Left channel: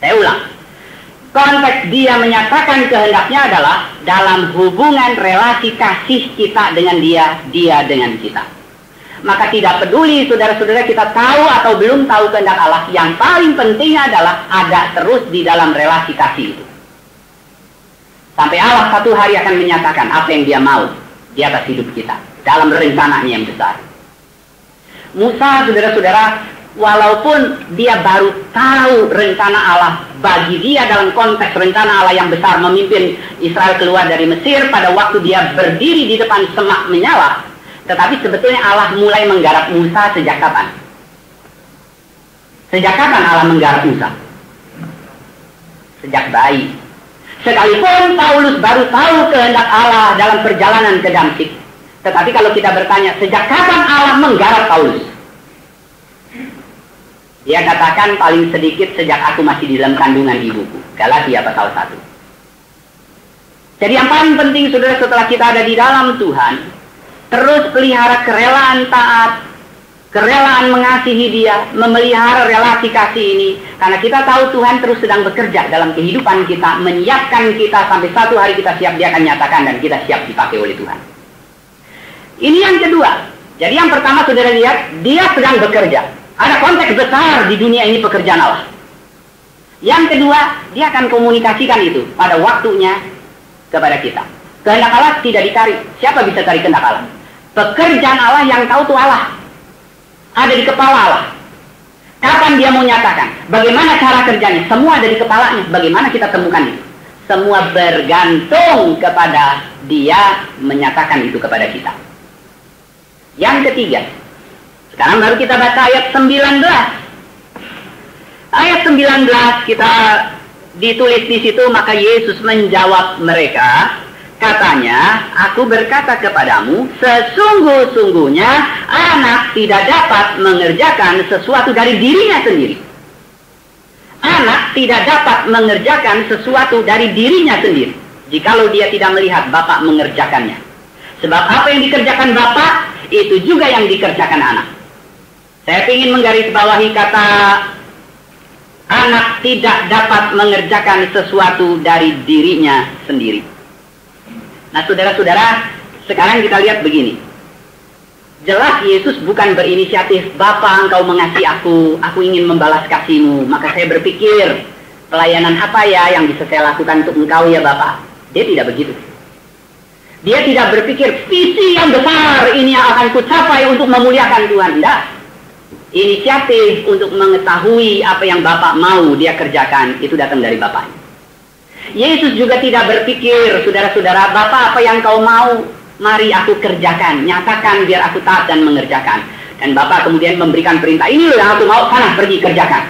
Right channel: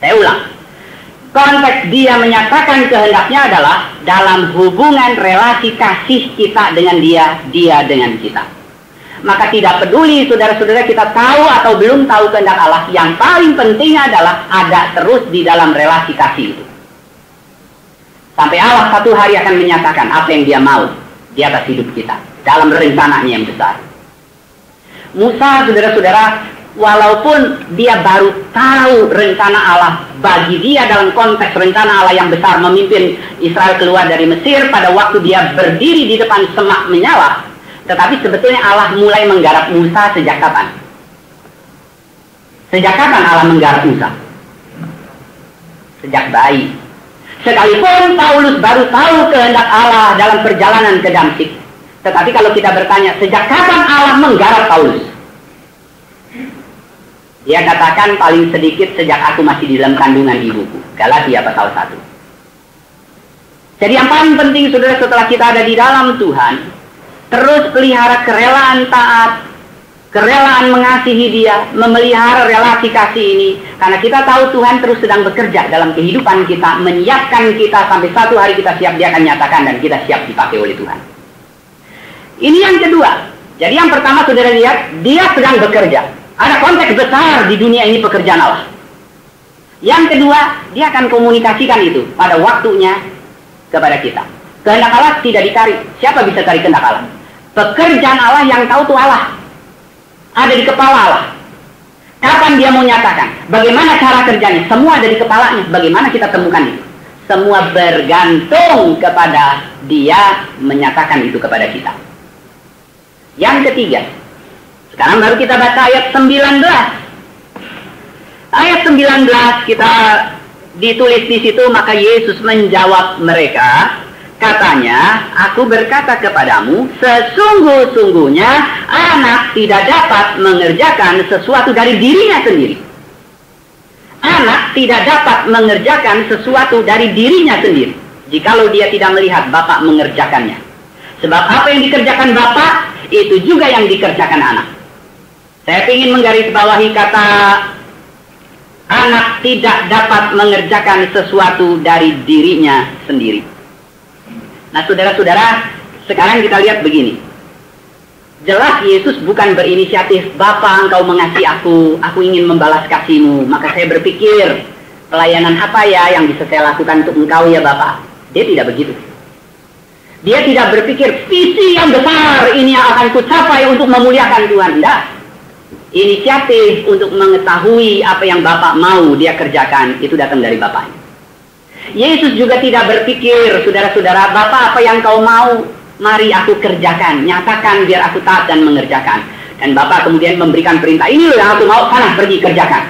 Saya ulang. Konteks dia menyatakan kehendaknya adalah dalam hubungan relasi kasih kita dengan dia dengan kita. Maka tidak peduli saudara-saudara kita tahu atau belum tahu kehendak Allah, yang paling penting adalah ada terus di dalam relasi kasih itu. Sampai Allah satu hari akan menyatakan apa yang dia mau di atas hidup kita dalam rencananya yang besar. Musa, saudara-saudara, walaupun dia baru tahu rencana Allah, bagi dia dalam konteks rencana Allah yang besar memimpin Israel keluar dari Mesir pada waktu dia berdiri di depan semak menyala, tetapi sebetulnya Allah mulai menggarap Musa sejak kapan? Sejak kapan Allah menggarap Musa? Sejak bayi. Sekalipun Paulus baru tahu kehendak Allah dalam perjalanan ke Damsyik, tetapi kalau kita bertanya sejak kapan Allah menggarap Paulus, dia katakan paling sedikit sejak aku masih di dalam kandungan ibuku. Galatia pasal 1. Jadi yang paling penting, saudara, setelah kita ada di dalam Tuhan, terus pelihara kerelaan taat, kerelaan mengasihi dia, memelihara relasi kasih ini. Karena kita tahu Tuhan terus sedang bekerja dalam kehidupan kita, menyiapkan kita sampai satu hari kita siap, dia akan nyatakan dan kita siap dipakai oleh Tuhan. Ini yang kedua. Jadi yang pertama, saudara lihat, dia sedang bekerja. Ada konteks besar di dunia ini pekerjaan Allah. Yang kedua, dia akan komunikasikan itu pada waktunya kepada kita. Kehendak Allah tidak dicari. Siapa bisa cari kehendak Allah? Pekerjaan Allah yang tahu itu Allah. Ada di kepala Allah. Kapan dia mau nyatakan? Bagaimana cara kerjanya? Semua ada di kepalanya. Bagaimana kita temukan itu? Semua bergantung kepada dia menyatakan itu kepada kita. Yang ketiga, sekarang baru kita baca ayat 19. Ayat 19 kita ditulis di situ, maka Yesus menjawab mereka, katanya, aku berkata kepadamu, sesungguh-sungguhnya anak tidak dapat mengerjakan sesuatu dari dirinya sendiri. Anak tidak dapat mengerjakan sesuatu dari dirinya sendiri, jikalau dia tidak melihat Bapa mengerjakannya. Sebab apa yang dikerjakan Bapa, itu juga yang dikerjakan anak. Saya ingin menggarisbawahi kata anak tidak dapat mengerjakan sesuatu dari dirinya sendiri. Nah, saudara-saudara, sekarang kita lihat begini. Jelas Yesus bukan berinisiatif, Bapa engkau mengasihi aku ingin membalas kasihmu, maka saya berpikir, pelayanan apa ya yang bisa saya lakukan untuk engkau ya Bapa. Dia tidak begitu. Dia tidak berpikir, visi yang besar ini yang akan kucapai untuk memuliakan Tuhan. Tidak. Inisiatif untuk mengetahui apa yang Bapak mau dia kerjakan, itu datang dari Bapak. Yesus juga tidak berpikir, saudara-saudara, Bapak apa yang kau mau, mari aku kerjakan, nyatakan biar aku taat dan mengerjakan. Dan Bapak kemudian memberikan perintah, ini loh yang aku mau, sana pergi kerjakan.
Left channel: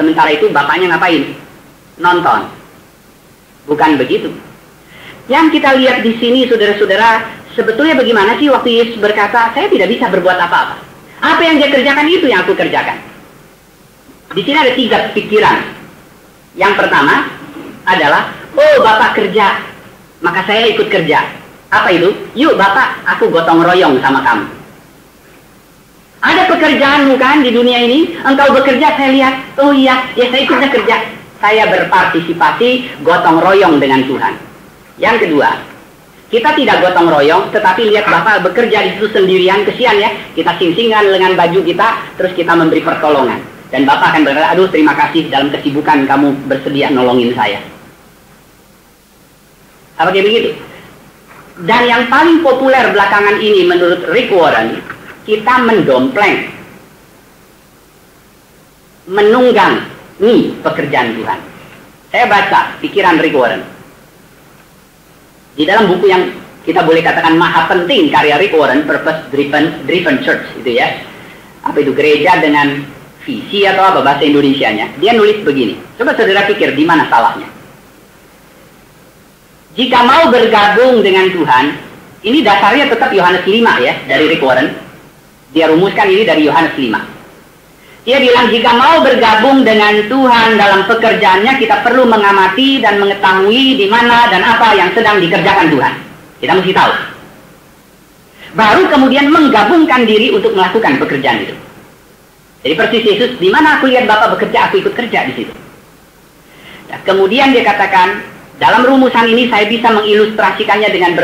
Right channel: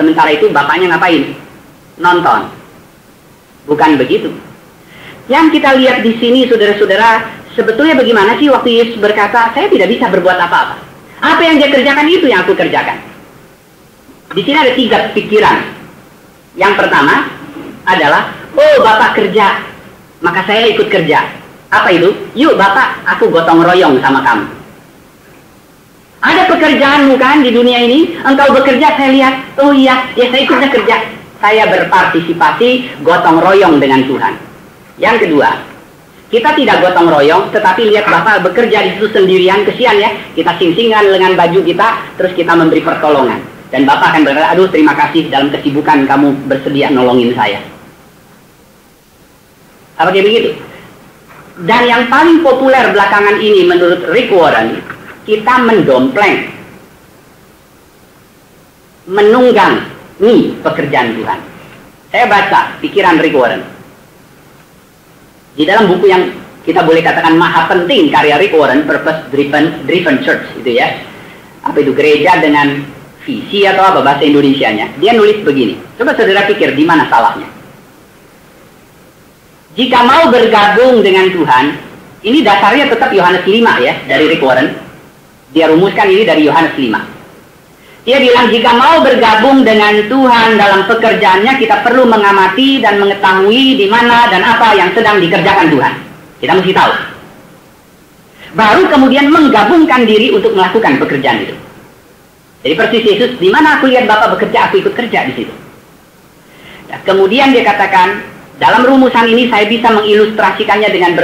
Sementara itu Bapaknya ngapain? Nonton. Bukan begitu. Yang kita lihat di sini, saudara-saudara, sebetulnya bagaimana sih waktu Yesus berkata, saya tidak bisa berbuat apa-apa. Apa yang dia kerjakan itu yang aku kerjakan. Di sini ada 3 pikiran. Yang pertama adalah, oh Bapak kerja, maka saya ikut kerja. Apa itu? Yuk Bapak, aku gotong royong sama kamu. Ada pekerjaanmu kan di dunia ini, engkau bekerja, saya lihat, oh iya, ya saya ikut kerja. Saya berpartisipasi, gotong royong dengan Tuhan. Yang kedua, kita tidak gotong royong, tetapi lihat Bapak bekerja di situ sendirian, kesian ya. Kita sing-singan dengan baju kita, terus kita memberi pertolongan. Dan Bapak akan berkata, aduh terima kasih dalam kesibukan kamu bersedia nolongin saya. Apa kayak begitu? Dan yang paling populer belakangan ini menurut Rick Warren, kita mendompleng, menunggangi pekerjaan Tuhan. Saya baca pikiran Rick Warren. Di dalam buku yang kita boleh katakan maha penting karya Rick Warren, Purpose Driven Church, itu ya. Apa itu, gereja dengan visi atau apa bahasa Indonesianya. Dia nulis begini. Coba saudara pikir di mana salahnya. Jika mau bergabung dengan Tuhan, ini dasarnya tetap Yohanes 5 ya, dari Rick Warren. Dia rumuskan ini dari Yohanes 5. Dia bilang jika mau bergabung dengan Tuhan dalam pekerjaannya, kita perlu mengamati dan mengetahui di mana dan apa yang sedang dikerjakan Tuhan. Kita mesti tahu. Baru kemudian menggabungkan diri untuk melakukan pekerjaan itu. Jadi persis Yesus, di mana aku lihat Bapak bekerja, aku ikut kerja di situ. Kemudian dia katakan, dalam rumusan ini saya bisa mengilustrasikannya dengan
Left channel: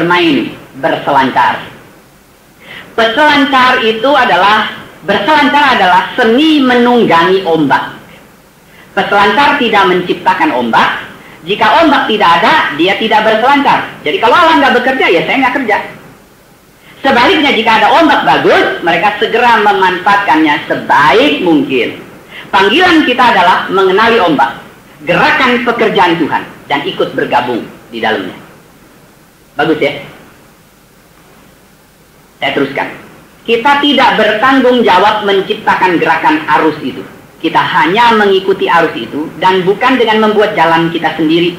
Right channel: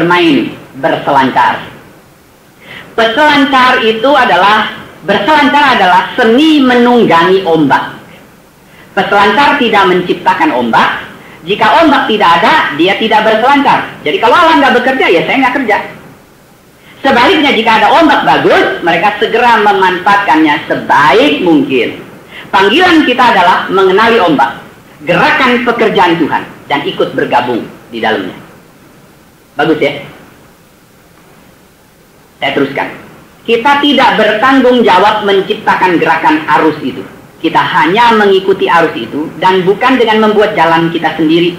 berselancar. Berselancar adalah seni menunggangi ombak. Peselancar tidak menciptakan ombak. Jika ombak tidak ada, dia tidak berselancar. Jadi kalau Allah nggak bekerja, ya saya nggak kerja. Sebaliknya jika ada ombak bagus, mereka segera memanfaatkannya sebaik mungkin. Panggilan kita adalah mengenali ombak, gerakan pekerjaan Tuhan, dan ikut bergabung di dalamnya. Bagus ya? Saya teruskan. Kita tidak bertanggung jawab menciptakan gerakan arus itu. Kita hanya mengikuti arus itu, dan bukan dengan membuat jalan kita sendiri.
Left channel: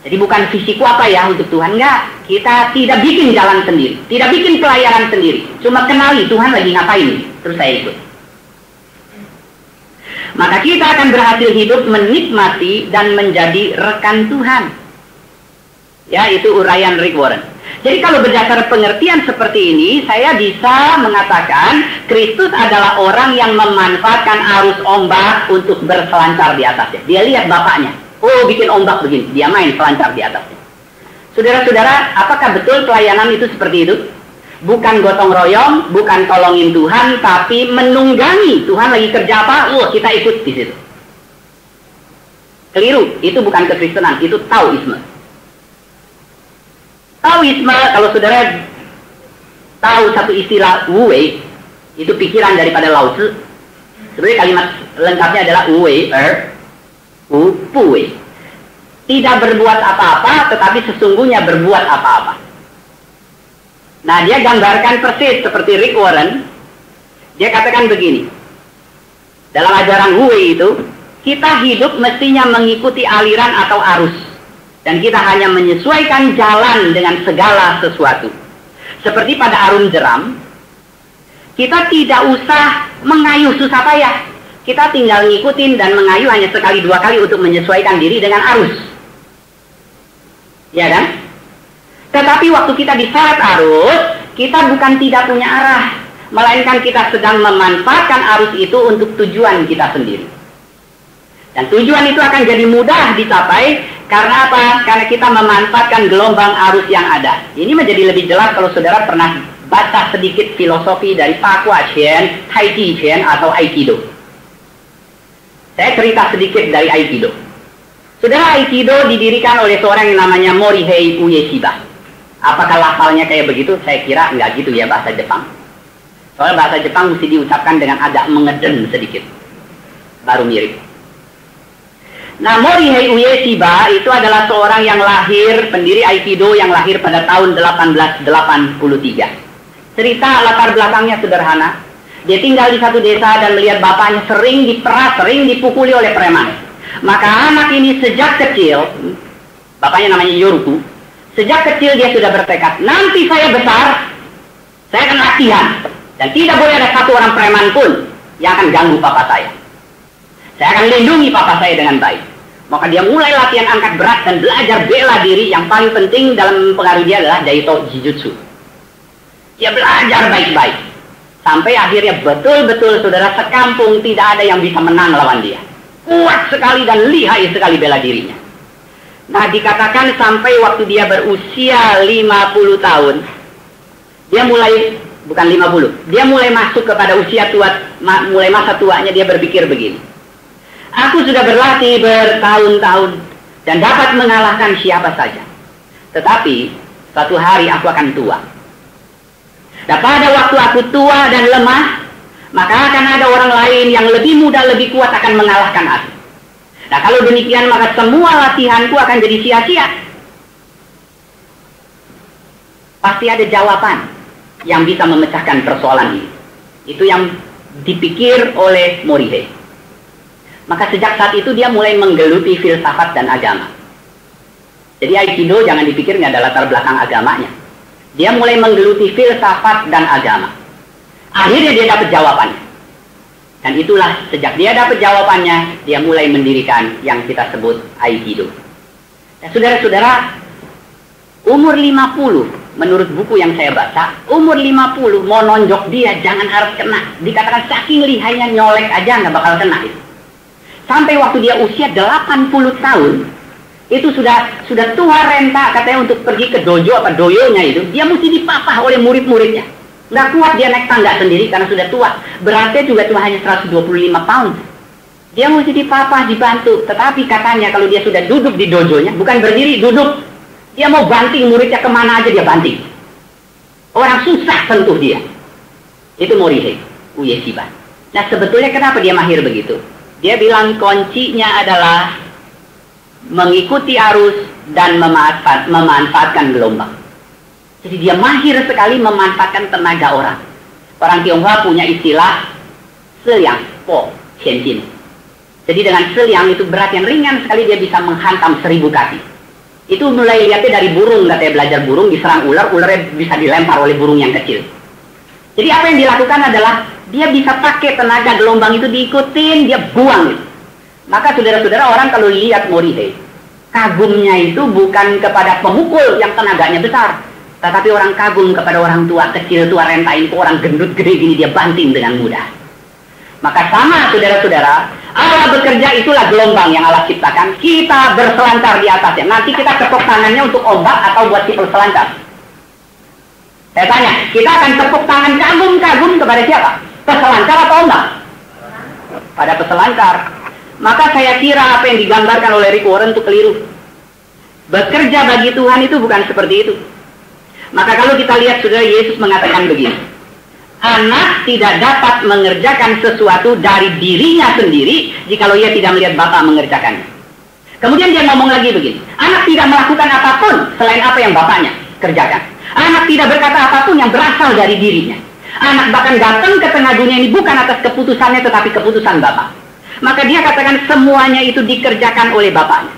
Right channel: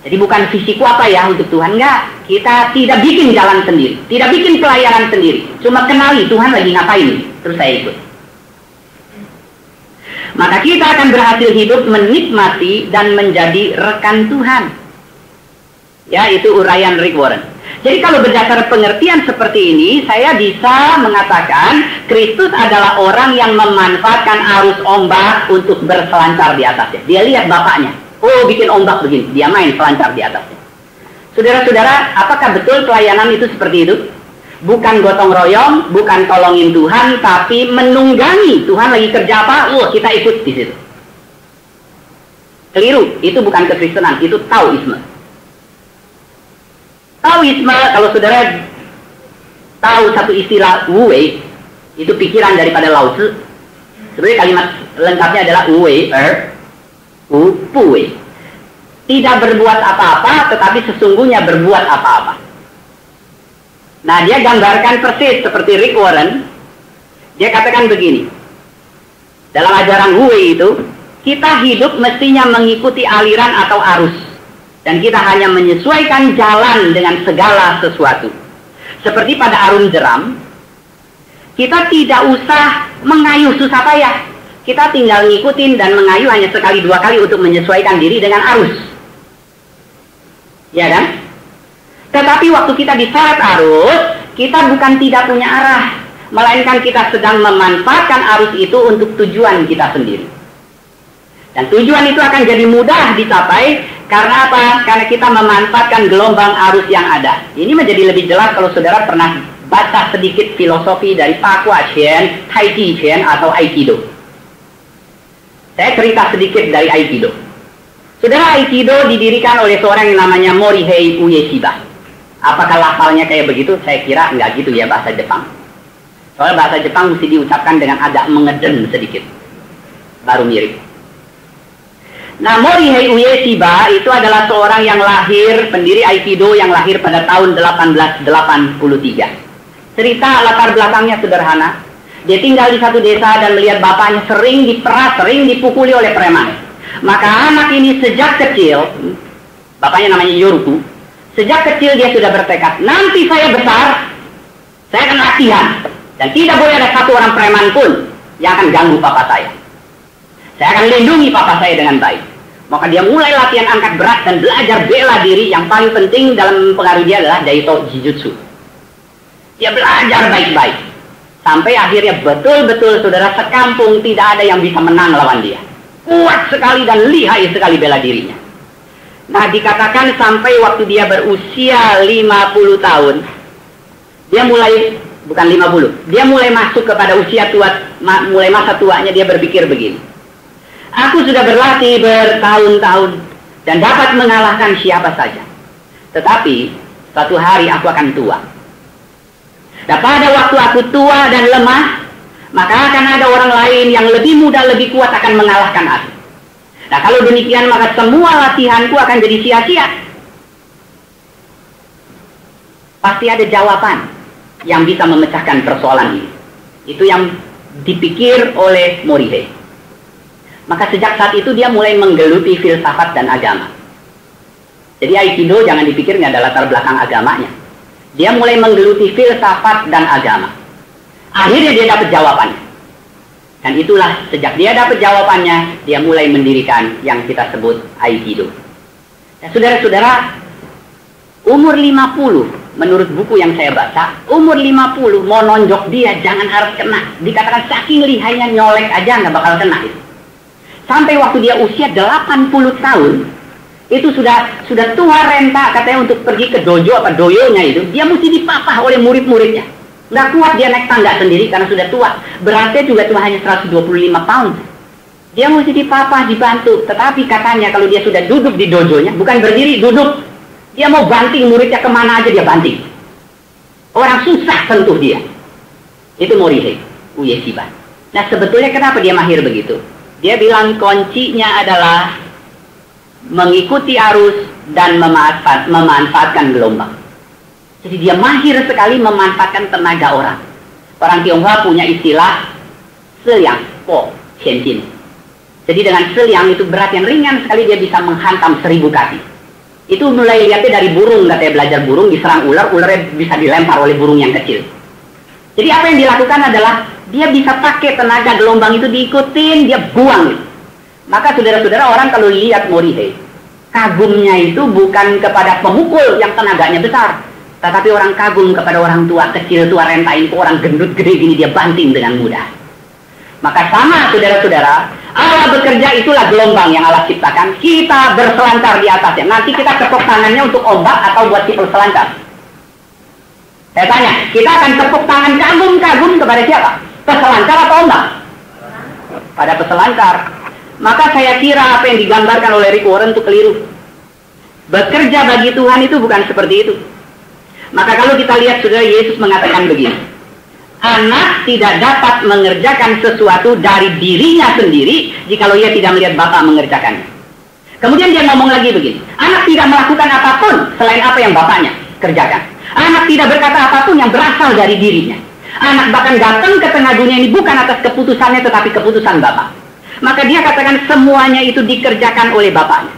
Jadi bukan visiku apa ya untuk Tuhan, enggak. Kita tidak bikin jalan sendiri, tidak bikin pelayanan sendiri. Cuma kenali Tuhan lagi ngapain, terus saya ikut. Maka kita akan berhasil hidup menikmati dan menjadi rekan Tuhan. Ya, itu uraian Rick Warren. Jadi kalau berdasar pengertian seperti ini, saya bisa mengatakan Kristus adalah orang yang memanfaatkan arus ombak untuk berselancar di atasnya. Dia lihat bapaknya, oh bikin ombak begini, dia main selancar di atasnya. Saudara-saudara, apakah betul pelayanan itu seperti itu? Bukan gotong royong, bukan tolongin Tuhan, tapi menunggangi. Tuhan lagi kerja apa? Kita ikut di situ. Keliru, itu bukan kekristenan, itu Taoisme. Taoisme, kalau saudara tahu satu istilah Wu Wei, itu pikiran daripada Lao Tzu. Sebenarnya kalimat lengkapnya adalah Wu Wei, Pu Wei. Tidak berbuat apa-apa, tetapi sesungguhnya berbuat apa-apa. Nah, dia gambarkan persis seperti Rick Warren. Dia katakan begini. Dalam ajaran Wu Wei itu, kita hidup mestinya mengikuti aliran atau arus. Dan kita hanya menyesuaikan jalan dengan segala sesuatu. Seperti pada arung jeram, kita tidak usah mengayuh susah payah. Kita tinggal ngikutin dan mengayuh hanya sekali dua kali untuk menyesuaikan diri dengan arus. Ya kan? Tetapi waktu kita diseret arus, kita bukan tidak punya arah. Melainkan kita sedang memanfaatkan arus itu untuk tujuan kita sendiri. Dan tujuan itu akan jadi mudah dicapai. Karena apa? Karena kita memanfaatkan gelombang arus yang ada. Ini menjadi lebih jelas kalau saudara pernah baca sedikit filosofi dari Fa Kua Chen, Tai Chi Chen atau Aikido. Saya cerita sedikit dari Aikido. Saudara, Aikido didirikan oleh seorang yang namanya Morihei Ueshiba. Apakah lafalnya kayak begitu? Saya kira enggak gitu ya bahasa Jepang. Soalnya bahasa Jepang mesti diucapkan dengan agak mengeden sedikit. Baru mirip. Nah, Morihei Ueshiba itu adalah seorang yang lahir, pendiri Aikido yang lahir pada tahun 1883. Cerita latar belakangnya sederhana. Dia tinggal di satu desa dan melihat bapaknya sering diperas, sering dipukuli oleh preman. Maka anak ini sejak kecil, bapaknya namanya Yoruku, sejak kecil dia sudah bertekad, nanti saya besar, saya akan latihan. Dan tidak boleh ada satu orang preman pun yang akan ganggu papa saya. Saya akan lindungi papa saya dengan baik. Maka dia mulai latihan angkat berat dan belajar bela diri. Yang paling penting dalam pengaruh dia adalah Daito Jijutsu. Dia belajar baik-baik. Sampai akhirnya betul-betul saudara sekampung tidak ada yang bisa menang lawan dia. Kuat sekali dan lihai sekali bela dirinya. Nah, dikatakan sampai waktu dia berusia 50 tahun. Dia mulai, bukan 50. Dia mulai masuk kepada usia tua, mulai masa tuanya dia berpikir begini. Aku sudah berlatih bertahun-tahun dan dapat mengalahkan siapa saja. Tetapi suatu hari aku akan tua. Dan pada waktu aku tua dan lemah, maka akan ada orang lain yang lebih muda, lebih kuat akan mengalahkan aku. Nah, kalau demikian maka semua latihanku akan jadi sia-sia. Pasti ada jawaban yang bisa memecahkan persoalan ini. Itu yang dipikir oleh Morihei. Maka sejak saat itu dia mulai menggeluti filsafat dan agama. Jadi Aikido jangan dipikir nggak ada latar belakang agamanya. Dia mulai menggeluti filsafat dan agama. Akhirnya dia dapat jawaban. Dan itulah sejak dia dapat jawabannya, dia mulai mendirikan yang kita sebut Aikido. Nah, saudara-saudara, umur 50, menurut buku yang saya baca, umur 50 mau nonjok dia jangan harap kena. Dikatakan saking lihainya nyolek aja nggak bakal kena. Sampai waktu dia usia 80 tahun, itu sudah tua renta katanya untuk pergi ke dojo apa doyonya itu. Dia mesti dipapah oleh murid-muridnya. Nggak kuat dia naik tangga sendiri karena sudah tua. Beratnya juga cuma hanya 125 pound. Dia mesti dipapah, dibantu. Tetapi katanya kalau dia sudah duduk di dojonya, bukan berdiri, duduk. Dia mau banting muridnya kemana aja dia banting. Orang susah sentuh dia. Itu Morihei, Ueshiba. Nah sebetulnya kenapa dia mahir begitu? Dia bilang kuncinya adalah mengikuti arus dan memanfaatkan gelombang. Jadi dia mahir sekali memanfaatkan tenaga orang. Orang Tionghoa punya istilah seliang po qianjin. Jadi dengan seliang itu berat yang ringan sekali dia bisa menghantam 1000 kaki. Itu mulai lihatnya dari burung, katanya belajar burung diserang ular, ularnya bisa dilempar oleh burung yang kecil. Jadi apa yang dilakukan adalah dia bisa pakai tenaga gelombang itu diikutin, dia buang. Maka saudara-saudara orang kalau lihat Morihei, kagumnya itu bukan kepada pemukul yang tenaganya besar, tetapi orang kagum kepada orang tua kecil, tua renta ini, orang gendut gede gini dia banting dengan mudah. Maka sama saudara-saudara, Allah bekerja itulah gelombang yang Allah ciptakan. Kita berselancar di atasnya. Nanti kita tepuk tangannya untuk ombak atau buat kita berselancar. Saya tanya, kita akan tepuk tangan kagum-kagum kepada siapa? Peselancar atau ombak? Pada peselancar. Maka saya kira apa yang digambarkan oleh Rick Warren itu keliru. Bekerja bagi Tuhan itu bukan seperti itu. Maka kalau kita lihat saudara, Yesus mengatakan begini. Anak tidak dapat mengerjakan sesuatu dari dirinya sendiri jikalau ia tidak melihat Bapa mengerjakannya. Kemudian dia ngomong lagi begini. Anak tidak melakukan apapun selain apa yang Bapaknya kerjakan. Anak tidak berkata apapun yang berasal dari dirinya. Anak bahkan datang ke tengah dunia ini bukan atas keputusannya tetapi keputusan Bapa. Maka dia katakan semuanya itu dikerjakan oleh Bapaknya.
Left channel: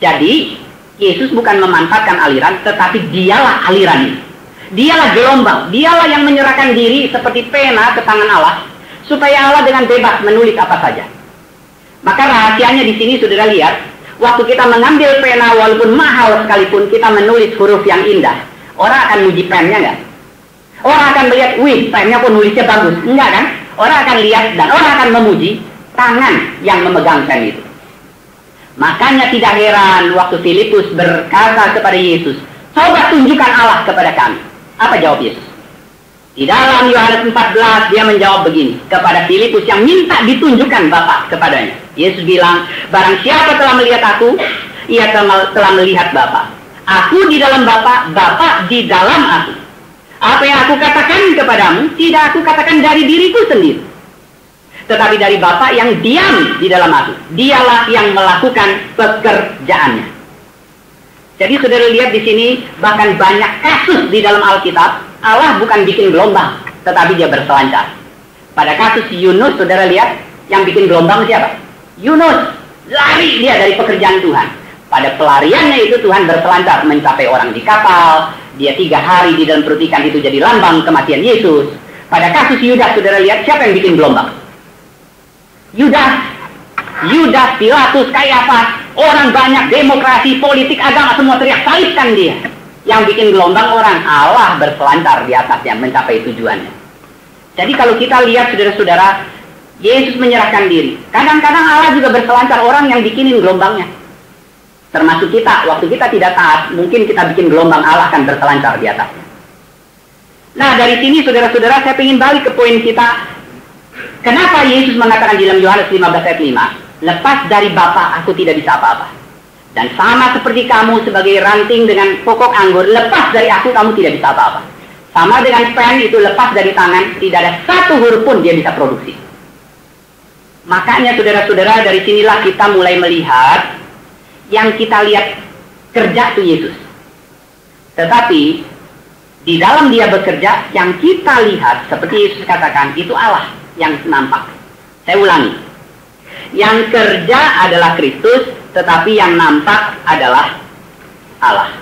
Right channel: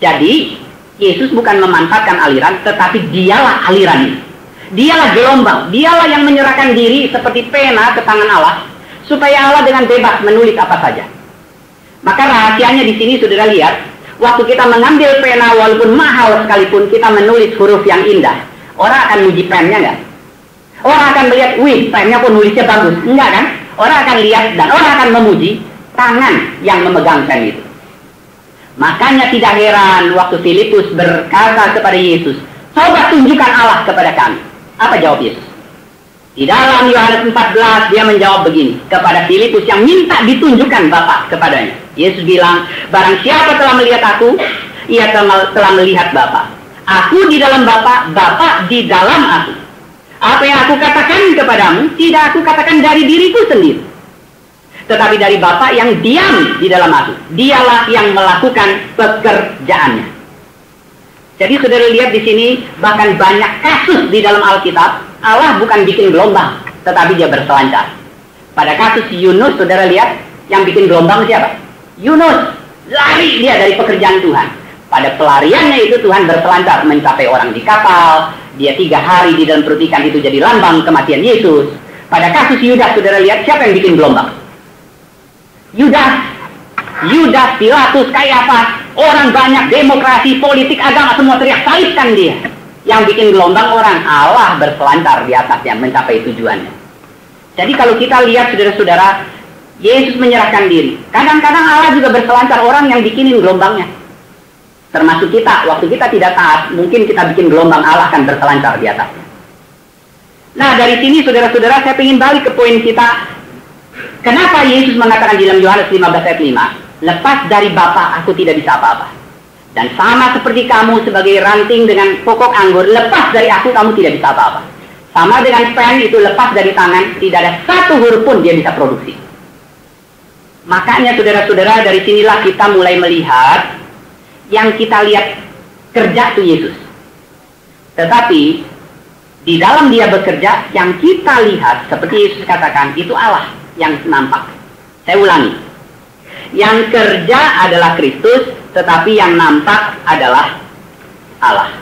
Jadi Yesus bukan memanfaatkan aliran, tetapi dialah aliran ini. Dialah gelombang, dialah yang menyerahkan diri seperti pena ke tangan Allah, supaya Allah dengan bebas menulis apa saja. Maka rahasianya di sini saudara lihat, waktu kita mengambil pena walaupun mahal sekalipun, kita menulis huruf yang indah. Orang akan muji pennya nggak? Orang akan melihat, wih, pennya pun nulisnya bagus. Enggak kan? Orang akan lihat dan orang akan memuji tangan yang memegang pen itu. Makanya tidak heran waktu Filipus berkata kepada Yesus, coba tunjukkan Allah kepada kami. Apa jawab Yesus? Di dalam Yohanes 14 dia menjawab begini kepada Filipus yang minta ditunjukkan Bapa kepadanya. Yesus bilang, barang siapa telah melihat aku, ia telah melihat Bapa. Aku di dalam Bapa, Bapa di dalam aku. Apa yang aku katakan kepadamu, tidak aku katakan dari diriku sendiri, tetapi dari Bapa yang diam di dalam aku. Dialah yang melakukan pekerjaannya. Jadi saudara lihat di sini, bahkan banyak kasus di dalam Alkitab, Allah bukan bikin gelombang, tetapi dia berselancar. Pada kasus Yunus, saudara lihat, yang bikin gelombang siapa? Yunus, lari dia dari pekerjaan Tuhan. Pada pelariannya itu Tuhan berselancar, mencapai orang di kapal, dia 3 hari di dalam perut ikan itu jadi lambang kematian Yesus. Pada kasus Yudas, saudara lihat, siapa yang bikin gelombang? Yudas, Pilatus, Kayafas, orang banyak, demokrasi, politik, agama, semua teriak, salibkan dia. Yang bikin gelombang orang, Allah berselancar di atasnya, mencapai tujuannya. Jadi kalau kita lihat saudara-saudara, Yesus menyerahkan diri. Kadang-kadang Allah juga berselancar orang yang bikinin gelombangnya. Termasuk kita, waktu kita tidak taat, mungkin kita bikin gelombang, Allah akan berselancar di atasnya. Nah dari sini saudara-saudara, saya ingin balik ke poin kita. Kenapa Yesus mengatakan dalam Yohanes 15 ayat 5, lepas dari Bapa aku tidak bisa apa-apa. Dan sama seperti kamu sebagai ranting dengan pokok anggur, lepas dari aku kamu tidak bisa apa-apa. Sama dengan pen itu lepas dari tangan, tidak ada satu huruf pun dia bisa produksi. Makanya saudara-saudara, dari sinilah kita mulai melihat yang kita lihat kerja itu Yesus. Tetapi di dalam dia bekerja, yang kita lihat seperti Yesus katakan itu Allah yang nampak. Saya ulangi, yang kerja adalah Kristus, tetapi yang nampak adalah Allah.